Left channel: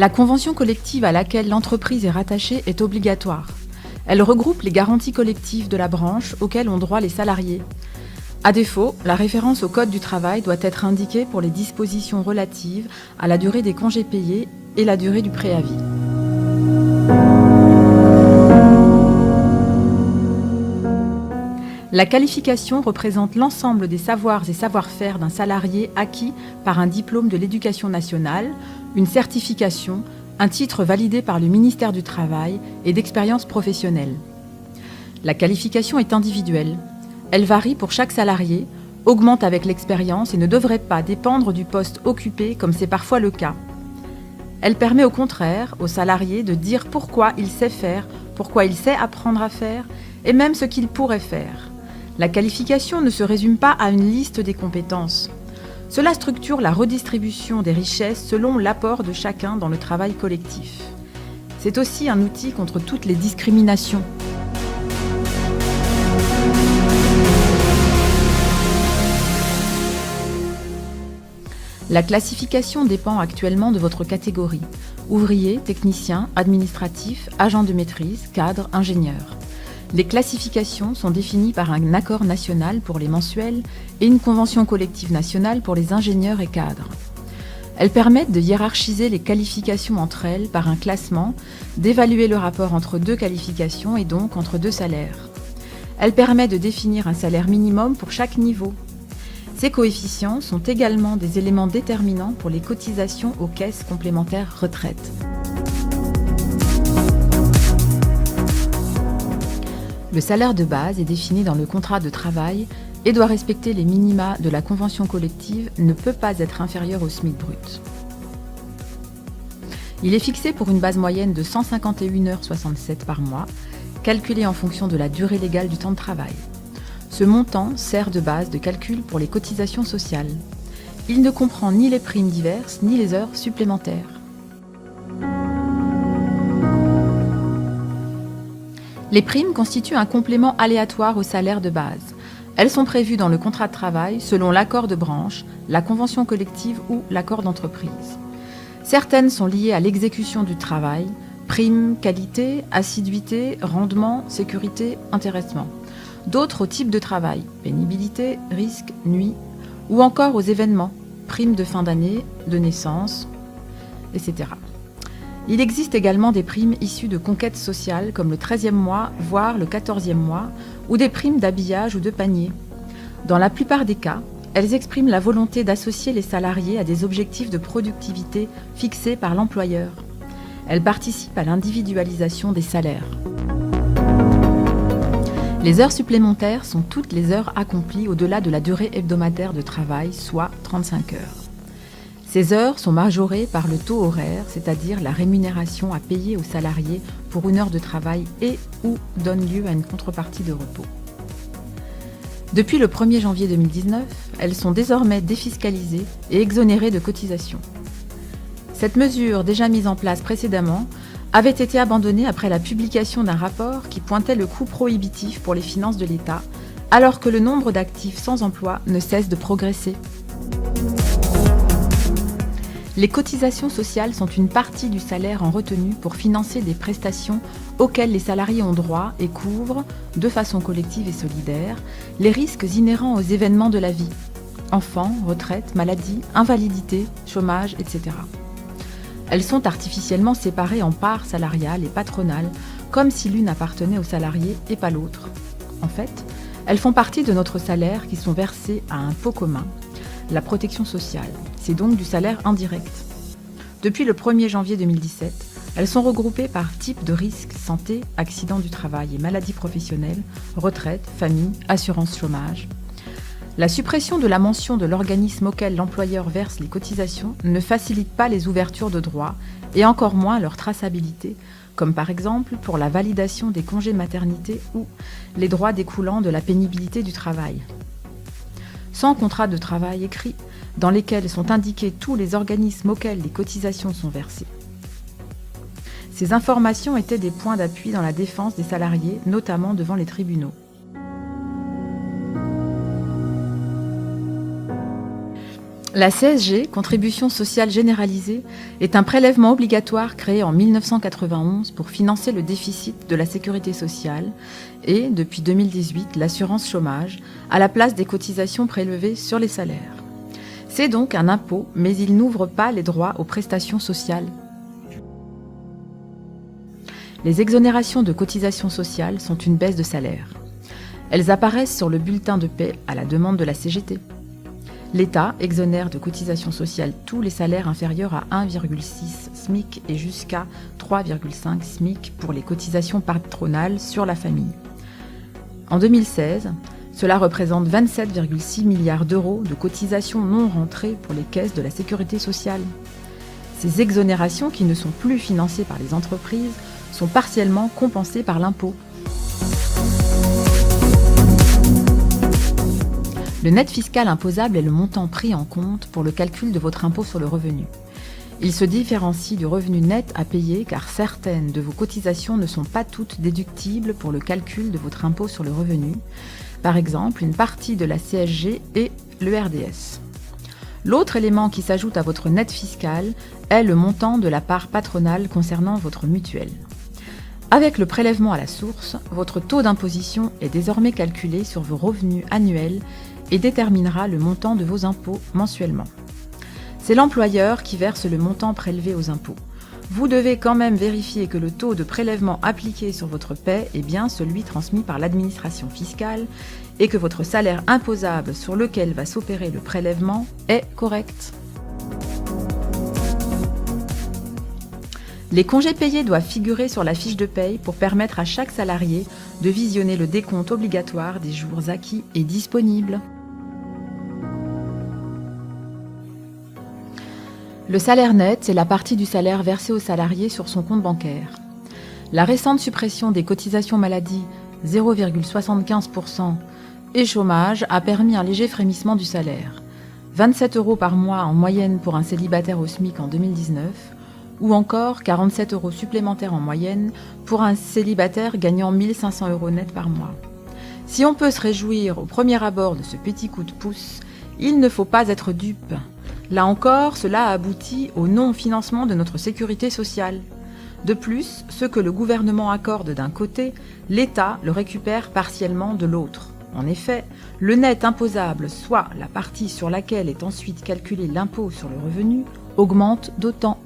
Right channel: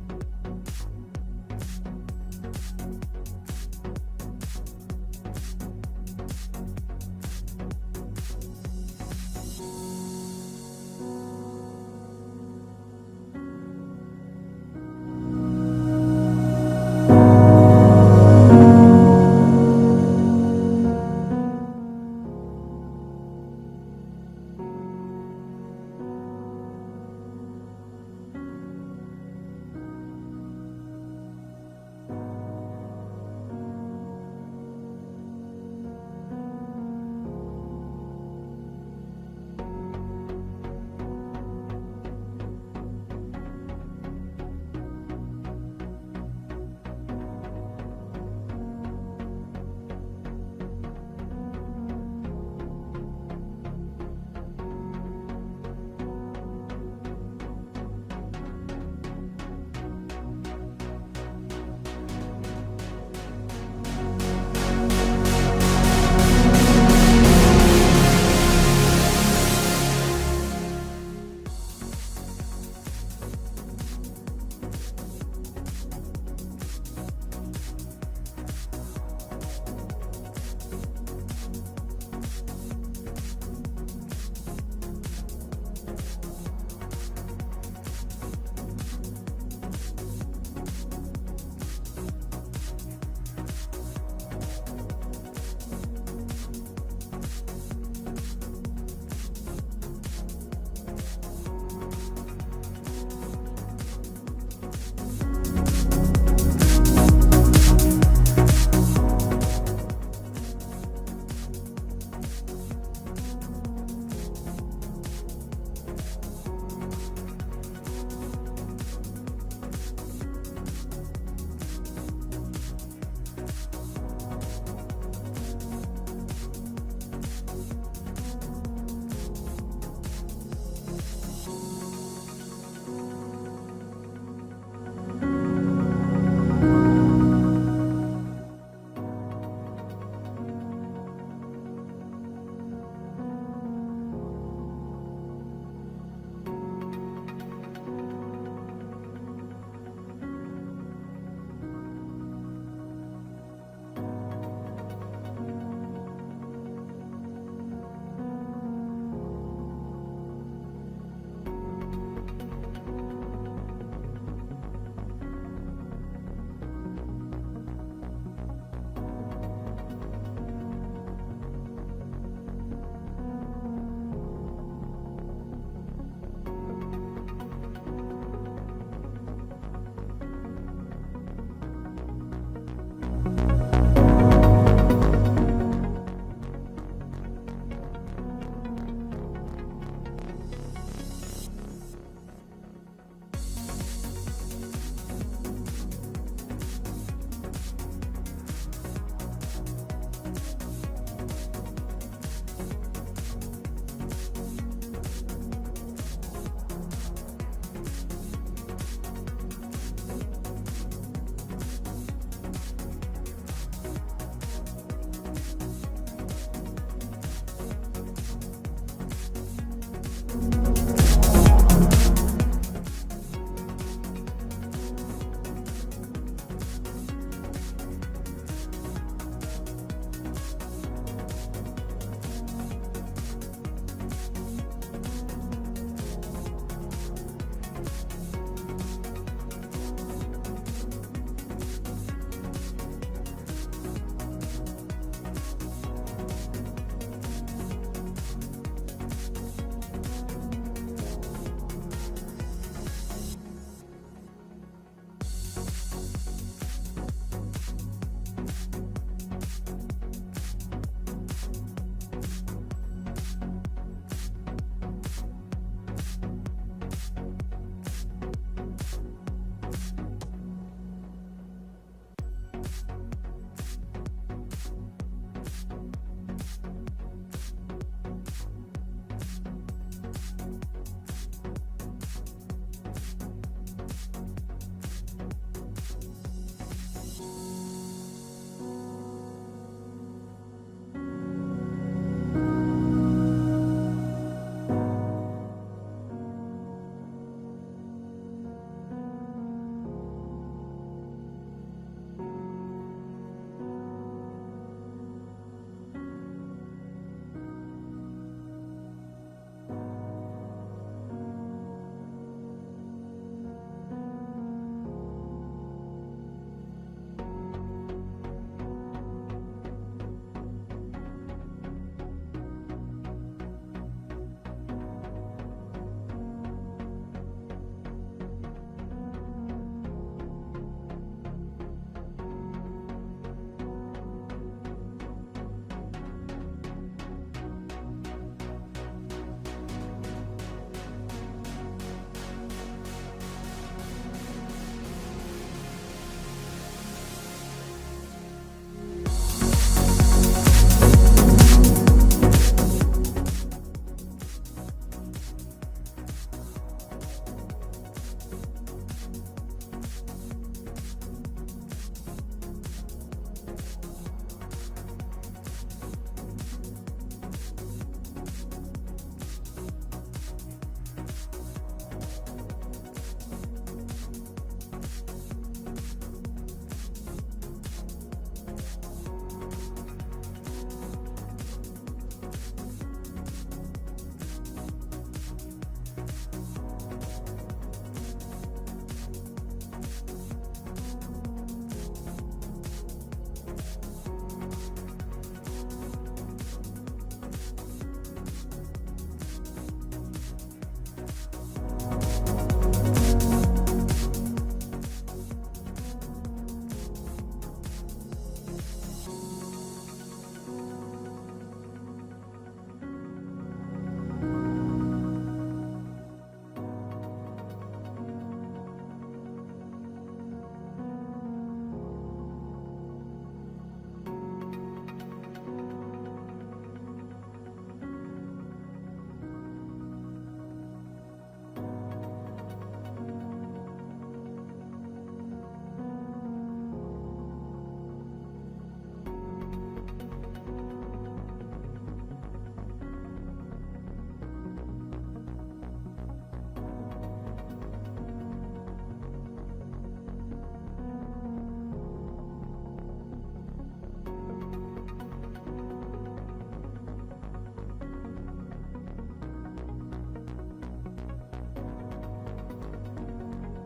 La convention collective à laquelle l'entreprise est rattachée est obligatoire. Elle regroupe les garanties collectives de la branche auxquelles ont droit les salariés. À défaut, la référence au Code du travail doit être indiquée pour les dispositions relatives à la durée des congés payés et la durée du préavis. La qualification représente l'ensemble des savoirs et savoir-faire d'un salarié acquis par un diplôme de l'Éducation nationale, une certification, un titre validé par le ministère du Travail et d'expérience professionnelle. La qualification est individuelle. Elle varie pour chaque salarié, augmente avec l'expérience et ne devrait pas dépendre du poste occupé comme c'est parfois le cas. Elle permet au contraire au salarié de dire pourquoi il sait faire, pourquoi il sait apprendre à faire et même ce qu'il pourrait faire. La qualification ne se résume pas à une liste des compétences. Cela structure la redistribution des richesses selon l'apport de chacun dans le travail collectif. C'est aussi un outil contre toutes les discriminations. La classification dépend actuellement de votre catégorie. Ouvrier, technicien, administratif, agent de maîtrise, cadre, ingénieur. Les classifications sont définies par un accord national pour les mensuels et une convention collective nationale pour les ingénieurs et cadres. Elles permettent de hiérarchiser les qualifications entre elles par un classement, d'évaluer le rapport entre deux qualifications et donc entre deux salaires. Elles permettent de définir un salaire minimum pour chaque niveau. Ces coefficients sont également des éléments déterminants pour les cotisations aux caisses complémentaires retraite. Le salaire de base est défini dans le contrat de travail et doit respecter les minima de la convention collective, ne peut pas être inférieur au SMIC brut. Il est fixé pour une base moyenne de 151,67 h par mois, calculée en fonction de la durée légale du temps de travail. Ce montant sert de base de calcul pour les cotisations sociales. Il ne comprend ni les primes diverses ni les heures supplémentaires. Les primes constituent un complément aléatoire au salaire de base. Elles sont prévues dans le contrat de travail selon l'accord de branche, la convention collective ou l'accord d'entreprise. Certaines sont liées à l'exécution du travail, primes, qualité, assiduité, rendement, sécurité, intéressement. D'autres au type de travail, pénibilité, risque, nuit, ou encore aux événements, primes de fin d'année, de naissance, etc. Il existe également des primes issues de conquêtes sociales comme le 13e mois, voire le 14e mois, ou des primes d'habillage ou de panier. Dans la plupart des cas, elles expriment la volonté d'associer les salariés à des objectifs de productivité fixés par l'employeur. Elles participent à l'individualisation des salaires. Les heures supplémentaires sont toutes les heures accomplies au-delà de la durée hebdomadaire de travail, soit 35 heures. Ces heures sont majorées par le taux horaire, c'est-à-dire la rémunération à payer aux salariés pour une heure de travail et ou donne lieu à une contrepartie de repos. Depuis le 1er janvier 2019, elles sont désormais défiscalisées et exonérées de cotisations. Cette mesure, déjà mise en place précédemment, avait été abandonnée après la publication d'un rapport qui pointait le coût prohibitif pour les finances de l'État, alors que le nombre d'actifs sans emploi ne cesse de progresser. Les cotisations sociales sont une partie du salaire en retenue pour financer des prestations auxquelles les salariés ont droit et couvrent, de façon collective et solidaire, les risques inhérents aux événements de la vie, enfants, retraite, maladie, invalidité, chômage, etc. Elles sont artificiellement séparées en parts salariales et patronales, comme si l'une appartenait aux salariés et pas l'autre. En fait, elles font partie de notre salaire qui sont versées à un pot commun, la protection sociale. C'est donc du salaire indirect. Depuis le 1er janvier 2017, elles sont regroupées par type de risque santé, accident du travail et maladie professionnelle, retraite, famille, assurance chômage. La suppression de la mention de l'organisme auquel l'employeur verse les cotisations ne facilite pas les ouvertures de droits et encore moins leur traçabilité, comme par exemple pour la validation des congés maternité ou les droits découlant de la pénibilité du travail. Sans contrat de travail écrit, dans lesquels sont indiqués tous les organismes auxquels les cotisations sont versées. Ces informations étaient des points d'appui dans la défense des salariés, notamment devant les tribunaux. La CSG, contribution sociale généralisée, est un prélèvement obligatoire créé en 1991 pour financer le déficit de la sécurité sociale et, depuis 2018, l'assurance chômage, à la place des cotisations prélevées sur les salaires. C'est donc un impôt, mais il n'ouvre pas les droits aux prestations sociales. Les exonérations de cotisations sociales sont une baisse de salaire. Elles apparaissent sur le bulletin de paie à la demande de la CGT. L'État exonère de cotisations sociales tous les salaires inférieurs à 1,6 SMIC et jusqu'à 3,5 SMIC pour les cotisations patronales sur la famille. En 2016, cela représente 27,6 milliards d'euros de cotisations non rentrées pour les caisses de la sécurité sociale. Ces exonérations, qui ne sont plus financées par les entreprises, sont partiellement compensées par l'impôt. Le net fiscal imposable est le montant pris en compte pour le calcul de votre impôt sur le revenu. Il se différencie du revenu net à payer car certaines de vos cotisations ne sont pas toutes déductibles pour le calcul de votre impôt sur le revenu. Par exemple, une partie de la CSG et le RDS. L'autre élément qui s'ajoute à votre net fiscal est le montant de la part patronale concernant votre mutuelle. Avec le prélèvement à la source, votre taux d'imposition est désormais calculé sur vos revenus annuels et déterminera le montant de vos impôts mensuellement. C'est l'employeur qui verse le montant prélevé aux impôts. Vous devez quand même vérifier que le taux de prélèvement appliqué sur votre paie est bien celui transmis par l'administration fiscale et que votre salaire imposable sur lequel va s'opérer le prélèvement est correct. Les congés payés doivent figurer sur la fiche de paye pour permettre à chaque salarié de visionner le décompte obligatoire des jours acquis et disponibles. Le salaire net, c'est la partie du salaire versé au salarié sur son compte bancaire. La récente suppression des cotisations maladie 0,75% et chômage a permis un léger frémissement du salaire. 27 € par mois en moyenne pour un célibataire au SMIC en 2019, ou encore 47 € supplémentaires en moyenne pour un célibataire gagnant 1 500 € net par mois. Si on peut se réjouir au premier abord de ce petit coup de pouce, il ne faut pas être dupe. Là encore, cela aboutit au non-financement de notre sécurité sociale. De plus, ce que le gouvernement accorde d'un côté, l'État le récupère partiellement de l'autre. En effet, le net imposable, soit la partie sur laquelle est ensuite calculé l'impôt sur le revenu, augmente d'autant.